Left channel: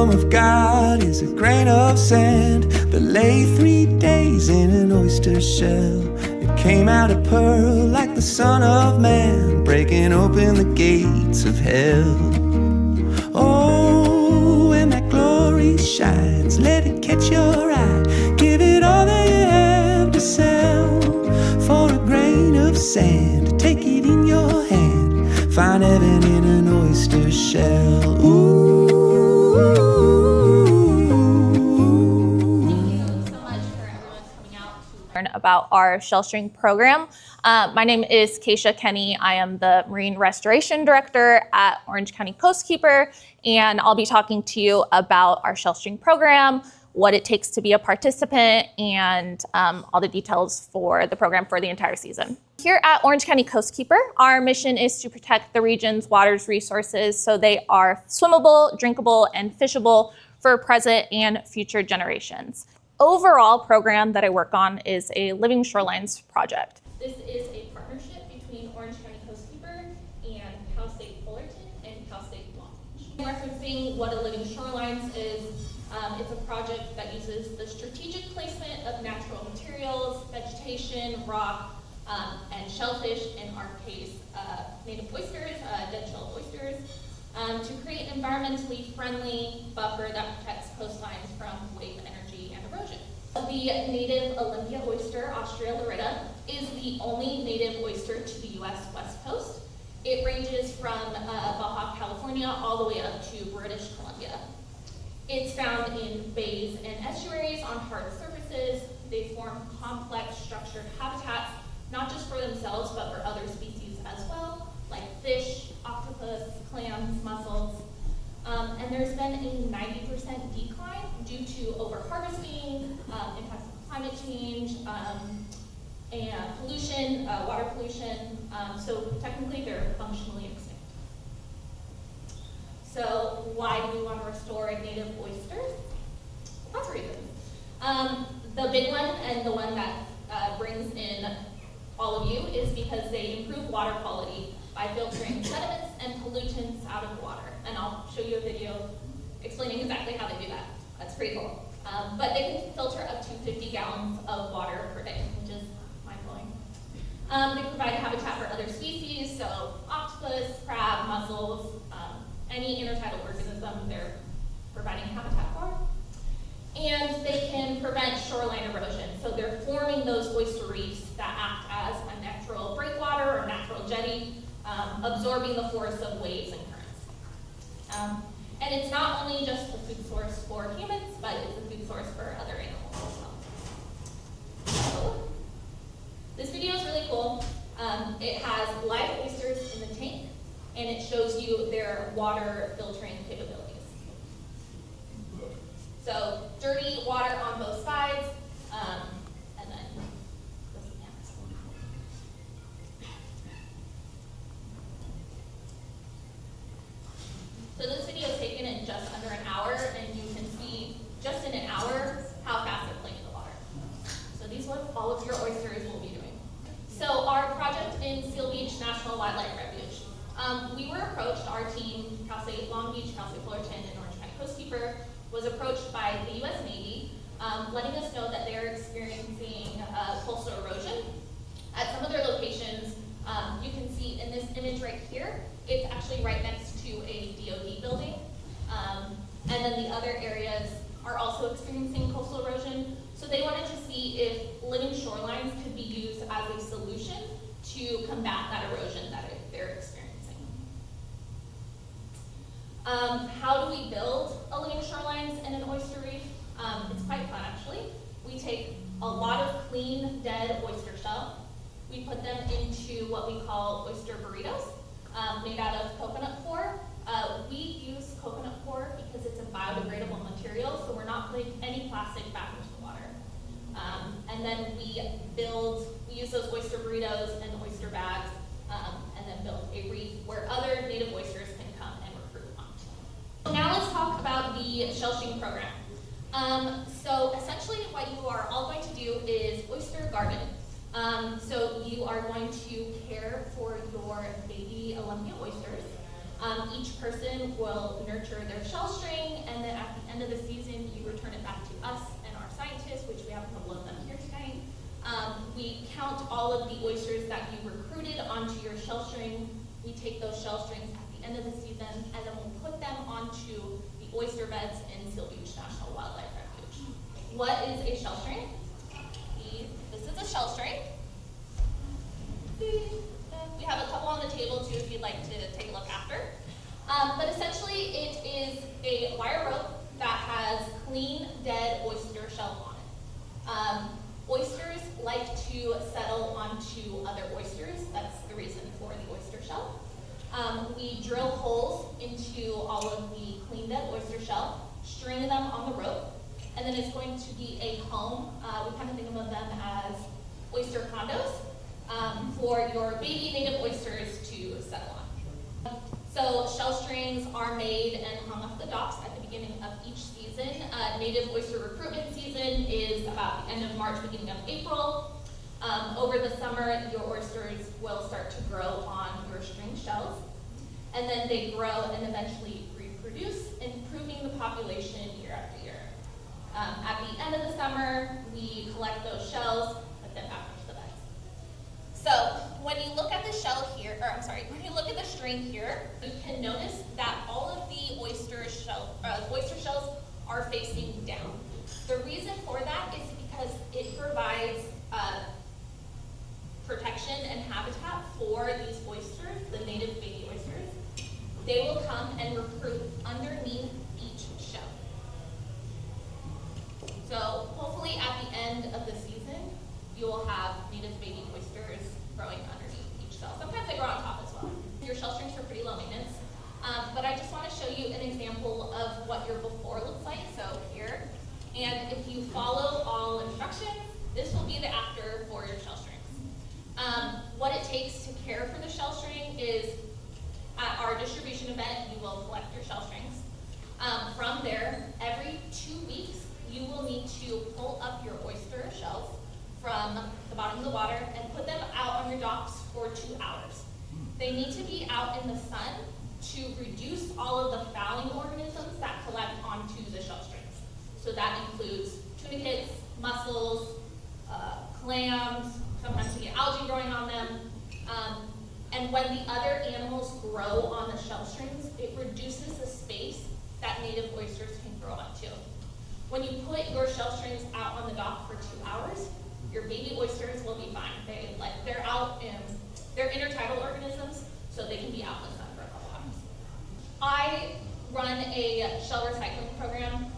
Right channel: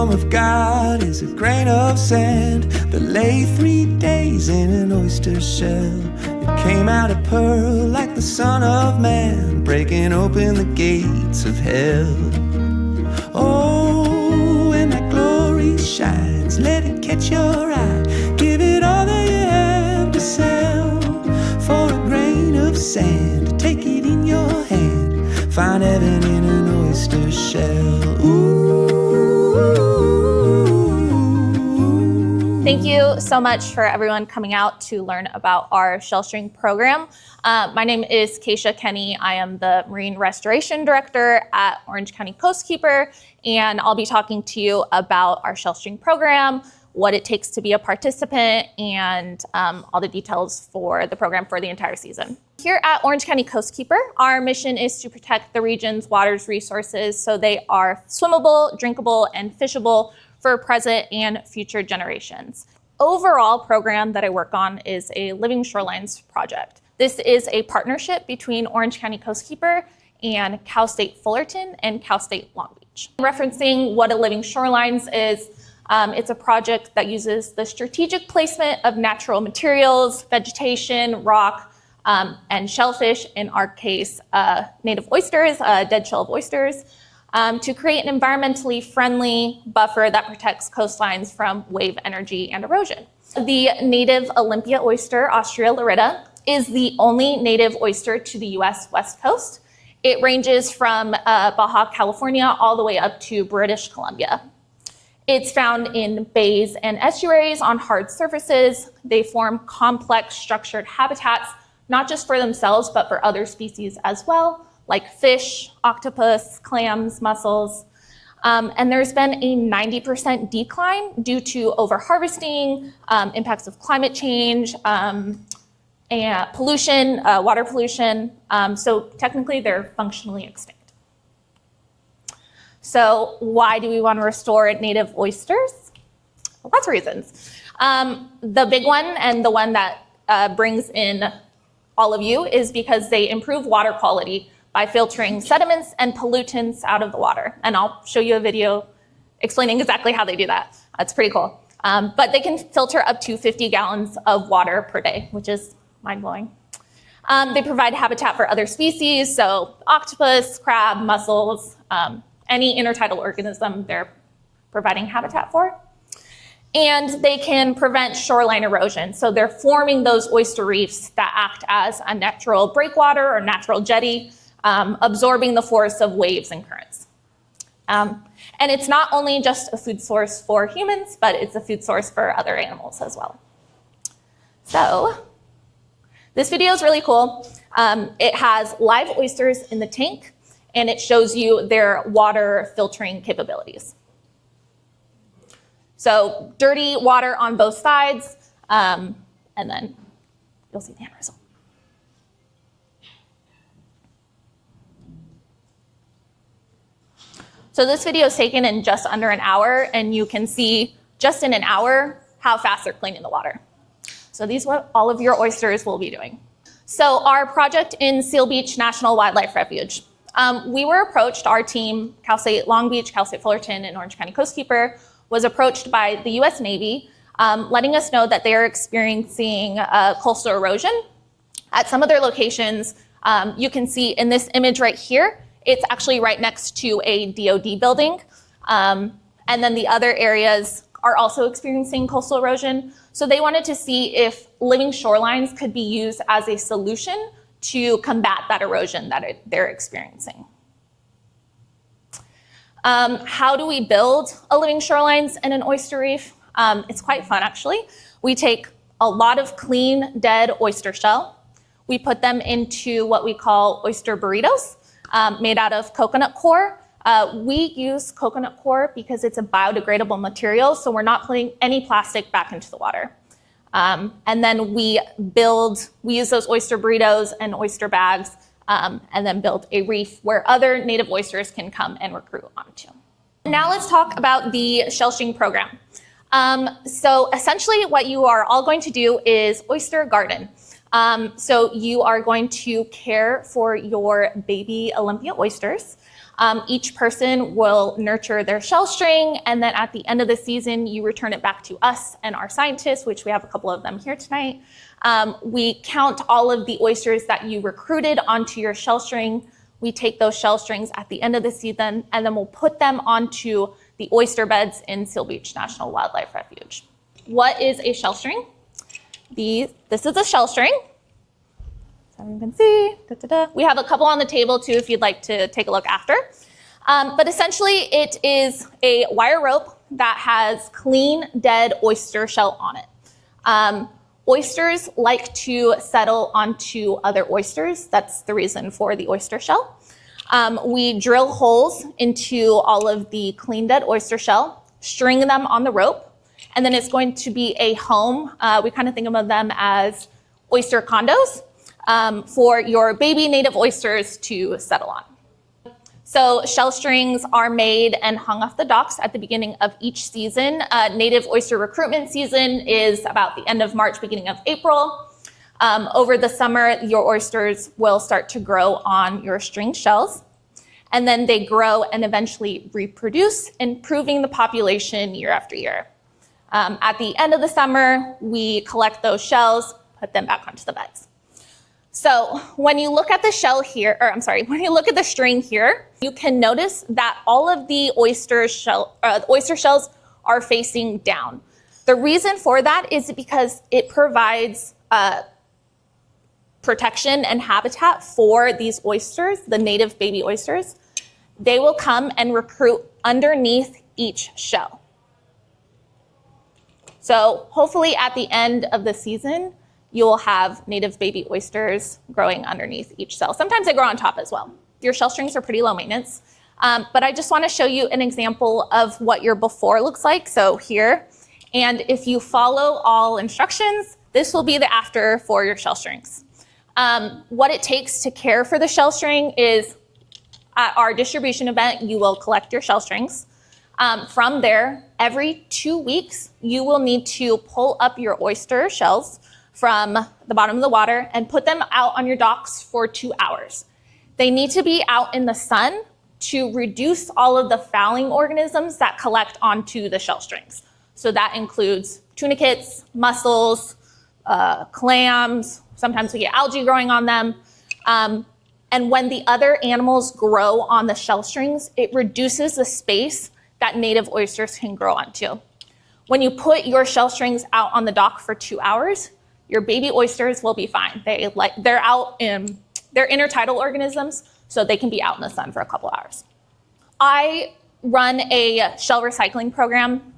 kingdom of God is a grain of sand that lay 3 days in an oyster shell. It came out a pearl like the Son of Man, breaking open the gates of hell. Oh, when that glory shines, let it catch your eye. Give it all that you have to sell. For a grain of sand, take it in your hand. Find heaven in an oyster shell. Ooh. Thank you so much for everyone coming out to learn about our shell string program. My name is Keisha Kenny. I am the Marine Restoration Director at Orange County Coastkeeper, and I'll be talking to you about our shell string program, what it takes to be a participant, and all the details for the program for the entire season. Here at Orange County Coastkeeper, our mission is to protect the region's water's resources so they are swimmable, drinkable, and fishable for present and future generations. Overall program that I work on is a Living Shorelines project. This is a partnership between Orange County Coastkeeper and Cal State Fullerton and Cal State Long Beach. Referencing what a Living Shorelines is, it's a project that uses the strategic placement of natural materials, vegetation, rock, and shellfish, in our case, native oysters, dead shell of oysters, to create an environmentally friendly buffer that protects coastlines from wave energy and erosion. The native Olympia oyster, Ostrea lorida, is the only native oyster to the US West Coast. It ranges from Baja California all the way up to British Columbia. It's found in bays and estuaries on hard surfaces. They form complex structured habitats, not just for themselves, but for other species as well, like fish, octopus, clams, mussels. And there's been a 90% decline due to overharvesting, impacts of climate change, and pollution, water pollution. So technically they're functionally extinct. So why do we want to restore native oysters? Well, lots of reasons. The big one, and the one that brings in all of you, is because they improve water quality by filtering sediments and pollutants out of the water. And I'll show you a video explaining exactly how they do that. That's pretty cool. But they can filter up to 50 gallons of water per day, which is mind-blowing. They provide habitat for other species, so octopus, crab, mussels, any intertidal organism they're providing habitat for. And they can prevent shoreline erosion. So they're forming those oyster reefs that act as a natural breakwater or natural jetty, absorbing the force of waves and currents. And it's not only just a food source for humans, but it's a food source for other animals as well. So this video is really cool. It has live oysters in the tank, and it shows you their water filtering capabilities. So dirty water on both sides, and then you'll see the end result. So this video is taken in just under an hour, and you can see just in an hour how fast they're cleaning the water. So these are what all of your oysters will be doing. So our project in Seal Beach National Wildlife Refuge. We were approached, our team, Cal State Long Beach, Cal State Fullerton, and Orange County Coastkeeper, was approached by the US Navy, letting us know that they are experiencing coastal erosion. At some of their locations, you can see in this image right here, it's actually right next to a DoD building. And then the other areas are also experiencing coastal erosion. So they wanted to see if living shorelines could be used as a solution to combat that erosion that they're experiencing. How do we build a living shorelines in an oyster reef? It's quite fun, actually. We take a lot of clean, dead oyster shell. We put them into what we call oyster burritos, made out of coconut core. We use coconut core because it's a biodegradable material, so we're not putting any plastic back into the water. And then we use those oyster burritos and oyster bags, and then build a reef where other native oysters can come and recruit onto. Now let's talk about the shell string program. So essentially what you are all going to do is oyster garden. So you are going to care for your baby Olympia oysters. Each person will nurture their shell string, and then at the end of the season, you return it back to us and our scientists, which we have a couple of them here tonight. We count all of the oysters that you recruited onto your shell string. We take those shell strings at the end of the season, and then we'll put them onto the oyster beds in Seal Beach National Wildlife Refuge. What is a shell string? This is a shell string. So you can see, we have a couple on the table too if you'd like to take a look after. But essentially it is a wire rope that has clean, dead oyster shell on it. Oysters like to settle onto other oysters. That's the reason for the oyster shell. We drill holes into all of the clean, dead oyster shell, string them on the rope, and then it's going to be a home. We kind of think of them as oyster condos for your baby native oysters to settle on. So shell strings are made and hung off the docks at the beginning of each season. Native oyster recruitment season is about the end of March, beginning of April. Over the summer, your oysters will start to grow on your string shells, and then they grow and eventually reproduce, improving the population year after year. At the end of the summer, we collect those shells, put them back onto the beds. So when you look at the shell here, when you look at the string here, you can notice that all of the oyster shells are facing down. The reason for that is because it provides protection and habitat for these oysters, the native baby oysters. They will come and recruit underneath each shell. So hopefully at the end of the season, you will have native baby oysters growing underneath each shell. Sometimes they grow on top as well. Your shell strings are pretty low maintenance, but I just want to show you an example of what your before looks like. So here, and if you follow all instructions, this will be the after for your shell strings. What it takes to care for the shell string is at our distribution event, you will collect your shell strings. From there, every 2 weeks, you will need to pull up your oyster shells from the bottom of the water and put them out on your docks for 2 hours. They need to be out in the sun to reduce all of the fouling organisms that collect onto the shell strings. So that includes tunicates, mussels, clams, sometimes we get algae growing on them. And when the other animals grow on the shell strings, it reduces the space that native oysters can grow onto. When you put your shell strings out on the dock for 2 hours, your baby oysters will be fine. They're intertidal organisms, so they can be out in the sun for a couple hours. I run a shell recycling program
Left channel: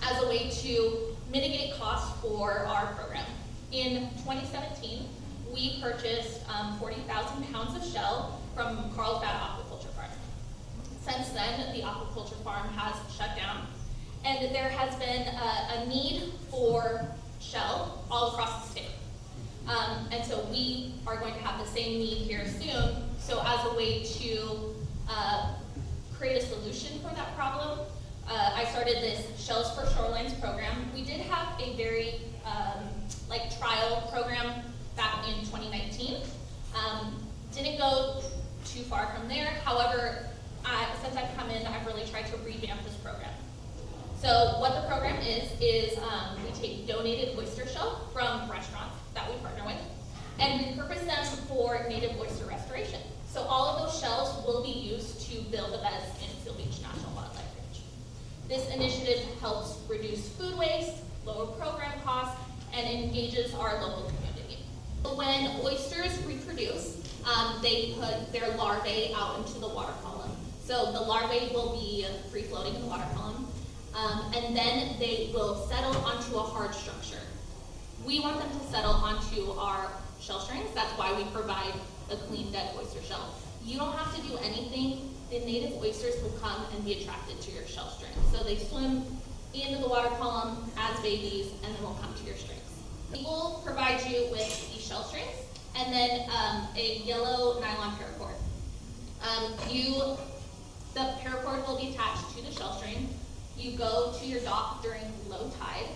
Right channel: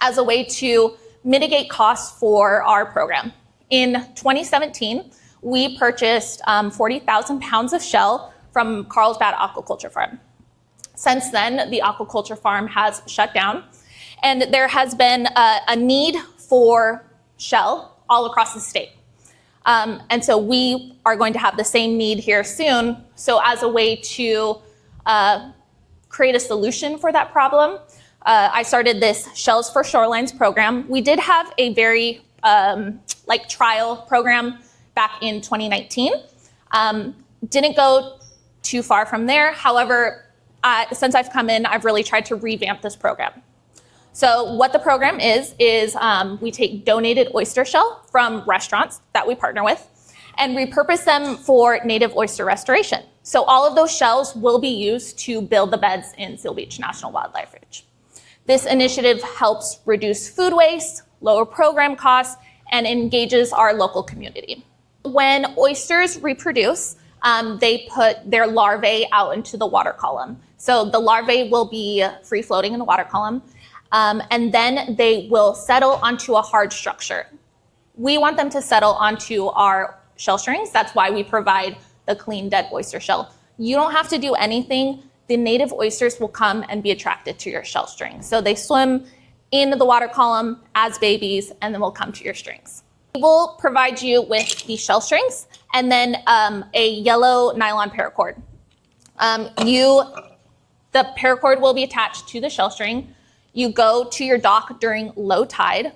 as a way to mitigate costs for our program. In 2017, we purchased 40,000 pounds of shell from Carlsbad Aquaculture Farm. Since then, the aquaculture farm has shut down, and there has been a need for shell all across the state. And so we are going to have the same need here soon. So as a way to create a solution for that problem, I started this Shells for Shorelines program. We did have a very trial program back in 2019. Didn't go too far from there. However, since I've come in, I've really tried to revamp this program. So what the program is we take donated oyster shell from restaurants that we partner with and repurpose them for native oyster restoration. So all of those shells will be used to build the beds in Seal Beach National Wildlife Refuge. This initiative helps reduce food waste, lower program costs, and engages our local community. When oysters reproduce, they put their larvae out into the water column. So the larvae will be free floating in the water column. And then they will settle onto a hard structure. We want them to settle onto our shell strings. That's why we provide the clean, dead oyster shell. You don't have to do anything. The native oysters will come and be attracted to your shell string. So they swim in the water column as babies, and then will come to your strings. We will provide you with the shell strings and then a yellow nylon paracord. The paracord will be attached to the shell string. You go to your dock during low tide,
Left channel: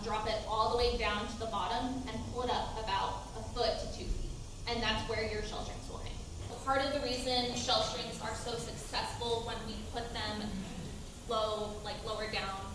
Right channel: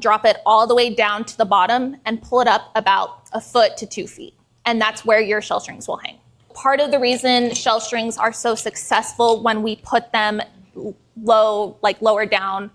drop it all the way down to the bottom and pull it up about 1 foot to 2 feet. And that's where your shell strings will hang. part of the reason shell strings are so successful when we put them lower down,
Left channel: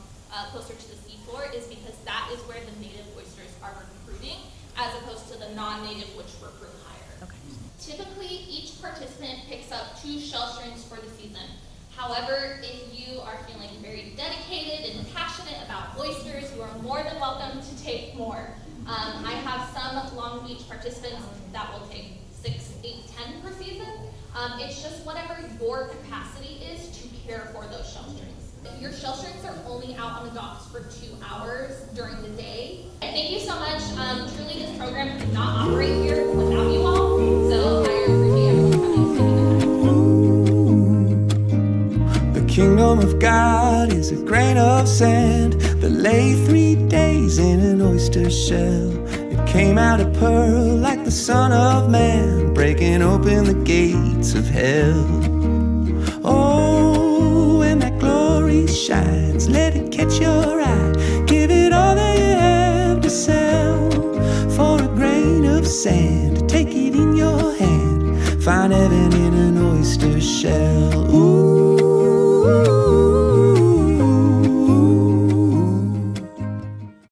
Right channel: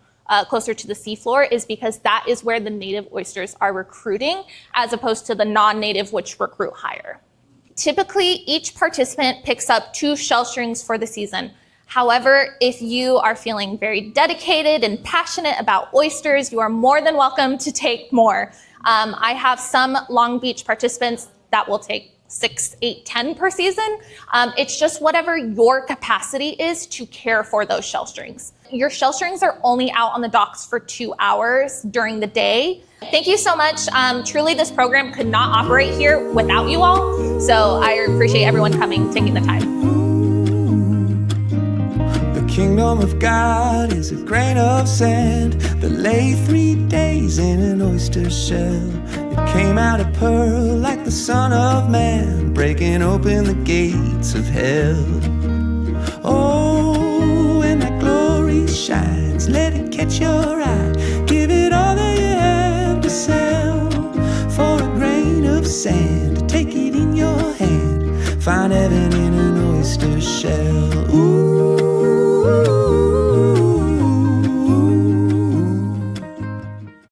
closer to the seafloor, is because that is where the native oysters are recruiting, as opposed to the non-native, which recruit higher. Okay. Typically, each participant picks up 2 shell strings for the season. However, if you are feeling very dedicated and passionate about oysters, you are more than welcome to take more. I have some Long Beach participants that will take 6, 8, 10 per season. It's just whatever your capacity is to care for those shell strings. Your shell strings are only out on the docks for 2 hours during the day. Thank you so much. Truly, this program could not operate here without you all. So I appreciate everyone coming, taking the time. The kingdom of God is a grain of sand that lay 3 days in an oyster shell. It came out a pearl like the Son of Man, breaking open the gates of hell. Oh, when that glory shines, let it catch your eye. Give it all that you have to sell. For a grain of sand, take it in your hand. Find heaven in an oyster shell. Ooh.